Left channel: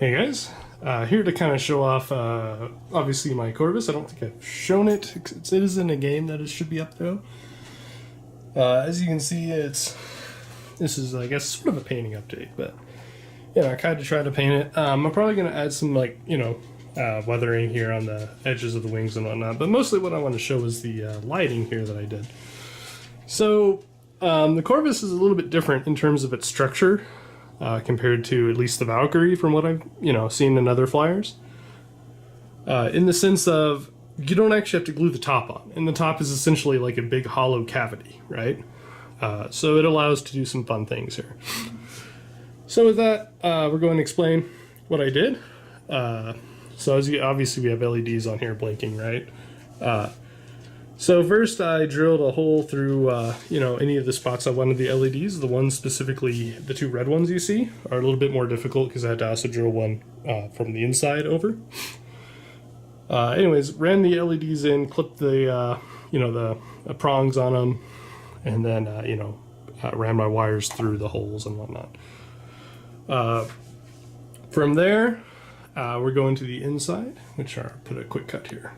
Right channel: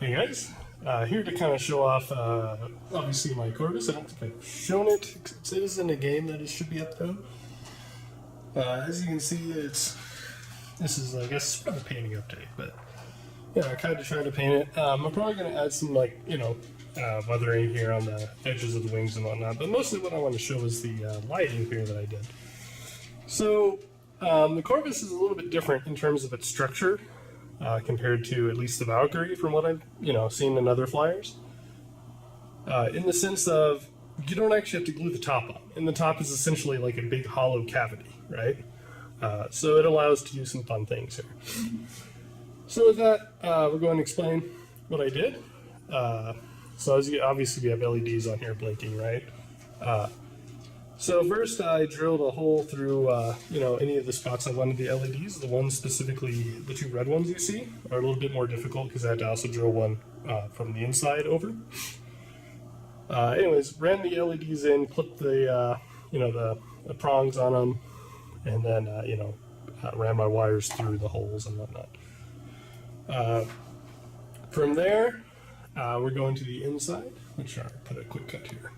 Hey guys, here to kind of show off, obviously my Corvus. I don't think I've shown it. It is in a game that it should be up though. As you can see, this is, I guess, sort of a painting update, but yeah, I kind of try to paint it. I'm probably going to add some, like, weathering here on the edges of the wings and whatnot, but mostly what I'm going to show is the lighting here that I did. So, the Corvus is a little bit different in terms of its structure. Compared to at least the Valkyrie from what I've seen in other flyers. In the sense of you don't actually have to glue the top on, and the top is essentially like a big hollow cavity, right? So it allows to do some fun things here. So with that, we're going to explain what I did. So as you, obviously we have LEDs on here blinking, right? So first I drilled a hole through, any of the spots I wanted the LEDs. The ones specifically, the two red ones you see, are a little bit more difficult because I had to also drill one from the inside over. Anyways, ran the LEDs in, clipped the, the prongs on them, and then, ran my wires through the holes and whatnot. From there, we're going to the inside, which I'll put a quick cut here.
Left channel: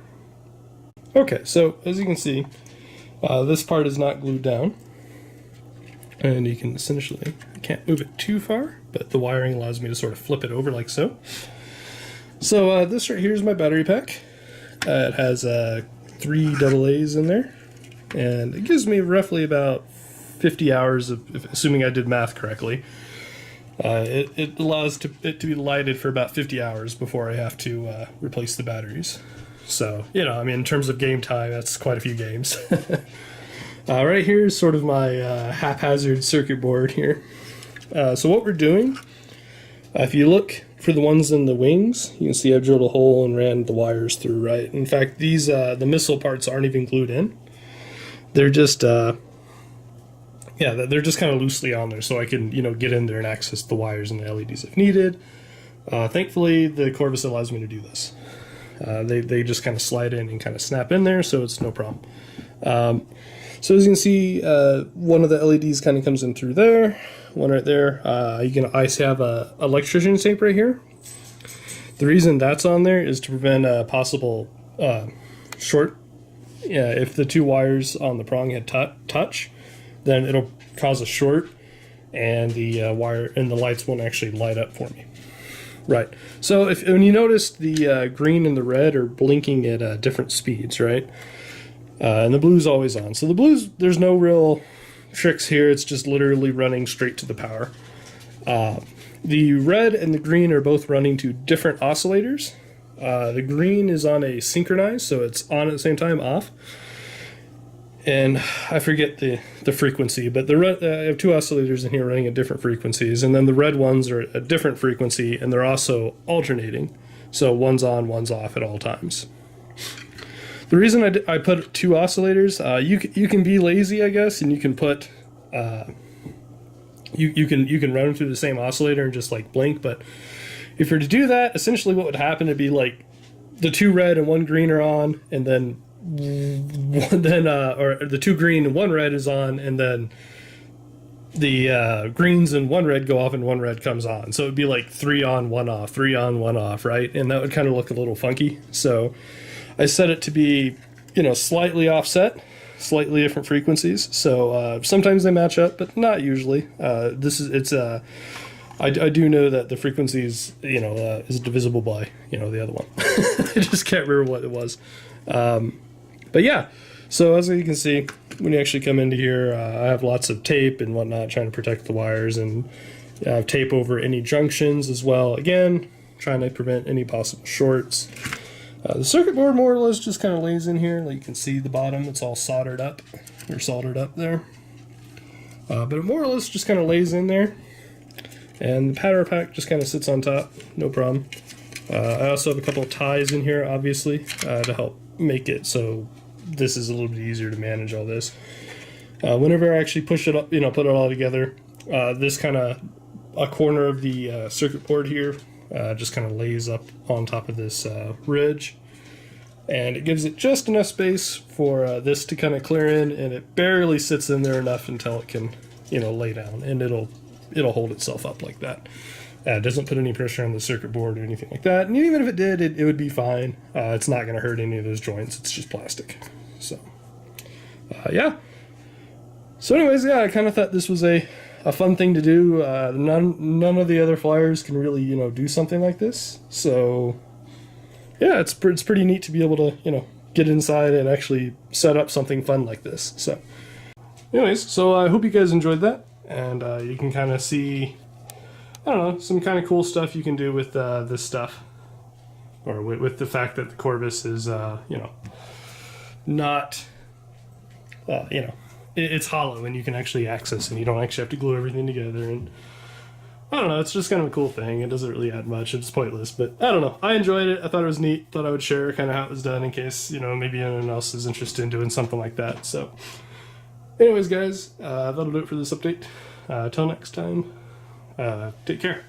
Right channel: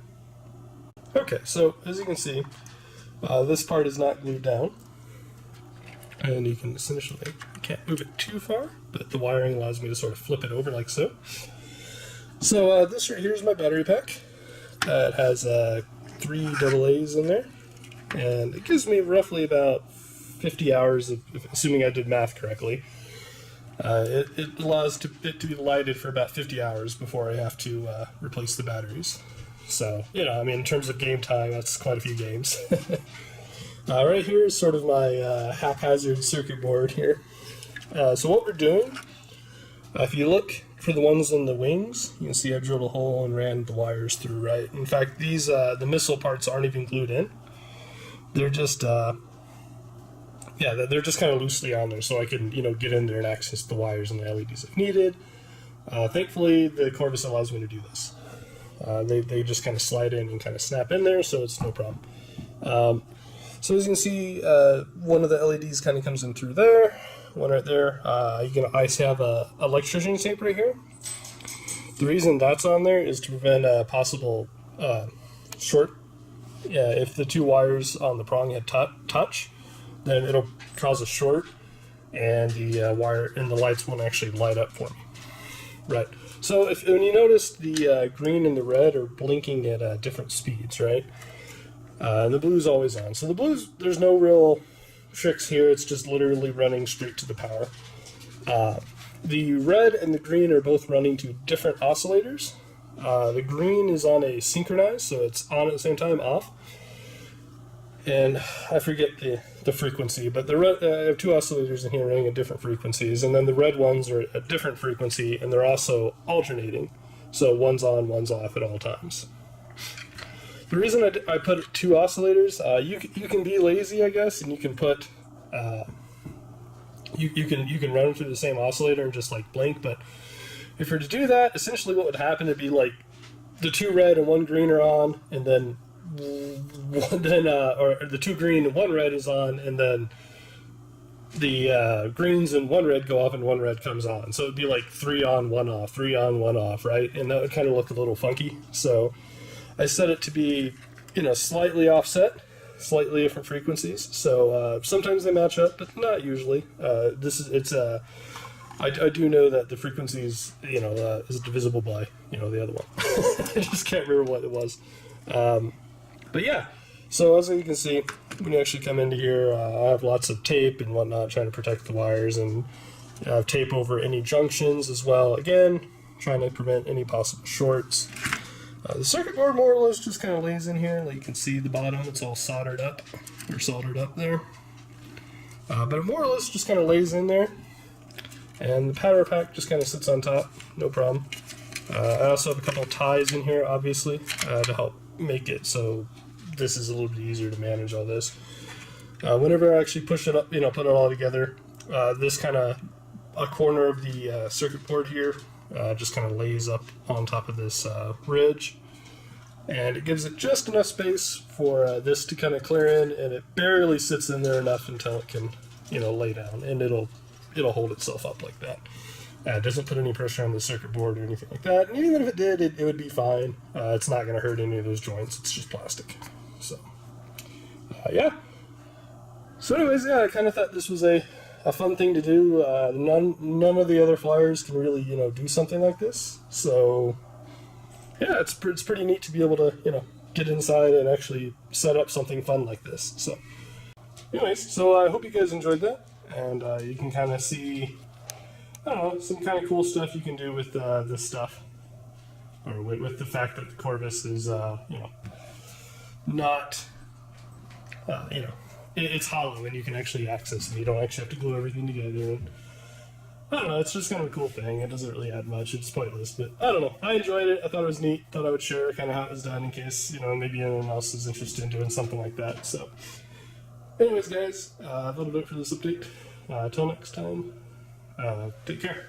Okay, so as you can see, this part is not glued down, and you can essentially, I can't move it too far, but the wiring allows me to sort of flip it over like so. So this right here is my battery pack. It has 3 AA's in there, and it gives me roughly about 50 hours of, assuming I did math correctly. It allows it to be lighted for about 50 hours before I have to replace the batteries. So, in terms of game time, it's quite a few games. Right here is sort of my haphazard circuit board here. So what we're doing, if you look for the ones in the wings, you can see I've drilled a hole and ran the wires through, right? In fact, these, the missile parts aren't even glued in. They're just, they're just kind of loosely on there, so I can, get in there and access the wires and the LEDs if needed. Thankfully, the Corvus allows me to do this. They just kind of slide in and kind of snap in there, so it's no problem. So as you can see, one of the LEDs kind of comes in through there, one right there. You can always have a electrician tape right here. The reason that's on there is to prevent a possible short. If the two wires on the prong hit touch, then it'll cause a short, and the wire and the lights won't actually light up for me. Right. So when you notice the green and the red are blinking at different speeds, right? And the blue's always on. So the blue's, there's no real tricks here. It's just literally running straight to the power. The red and the green are both running to different oscillators. The green is on a synchronized, so it's on at the same time, off. And I forget the frequency, but I have 2 oscillators in here running at different frequencies, and then the red ones are at a different frequency, and they're also alternating. So one's on, one's off at all times. The reason I put 2 oscillators, you can be lazy, I guess, and you can put you can run them through the same oscillator and just like blink. But if you're to do that, essentially what would happen would be like the 2 red and 1 green are on, and then or the 2 green and 1 red is on, and then the greens and 1 red go off and 1 red comes on. So it'd be like 3 on, 1 off, 3 on, 1 off, right? And that would kind of look a little funky. So I set it to be, slightly offset, slightly different frequencies. So sometimes they match up, but not usually. I do know that the frequencies, is divisible by, the other one. I just can't remember what it was. But yeah, so as you can see, when you actually come into here, I have lots of tape and whatnot trying to protect the wires, and I have tape over any junctions as well. Again, trying to prevent any possible shorts. The circuit board more or less just kind of lays in here. You can see the bottom, it's all soldered up there. But it more or less just kind of lays in there. And the power pack just kind of sits on top, no problem. I also have a couple of ties in here, obviously, to help make it so this is a little bit easier to manage all this. Whenever I actually push it up, put it all together, this kind of, a corner of the circuit board here just kind of lays up on top of this ridge. And it gives it just enough space for this to kind of clear in, and it barely sits in there enough until it can, lay down, and it'll hold itself up like that. It doesn't put any pressure on the circuit board or anything like that. And even if it did, it would be fine. It's not going to hurt any of those joints. It's just plastic. So, yeah. So anyways, yeah, I kind of thought this was a fun thing to do. None of the other flyers can really, do something like this. So, yeah, it's pretty neat to be able to, get inside and actually set up something fun like this. So, anyways, so I hope you guys enjoyed that. And you can kind of see, I don't know, some kind of cool stuff you can do with this stuff. Or with the fact that the Corvus is, not, it's hollow and you can actually access it. You don't actually have to glue everything together. And I don't know, it's just kind of a cool thing. It doesn't really add much. It's pointless, but I don't know. I enjoyed it. I thought it was neat. Thought I would share kind of how it was done in case, maybe anyone else is interested in doing something like that. So, anyways, guys, that'll do it for this update. Till next time, take care.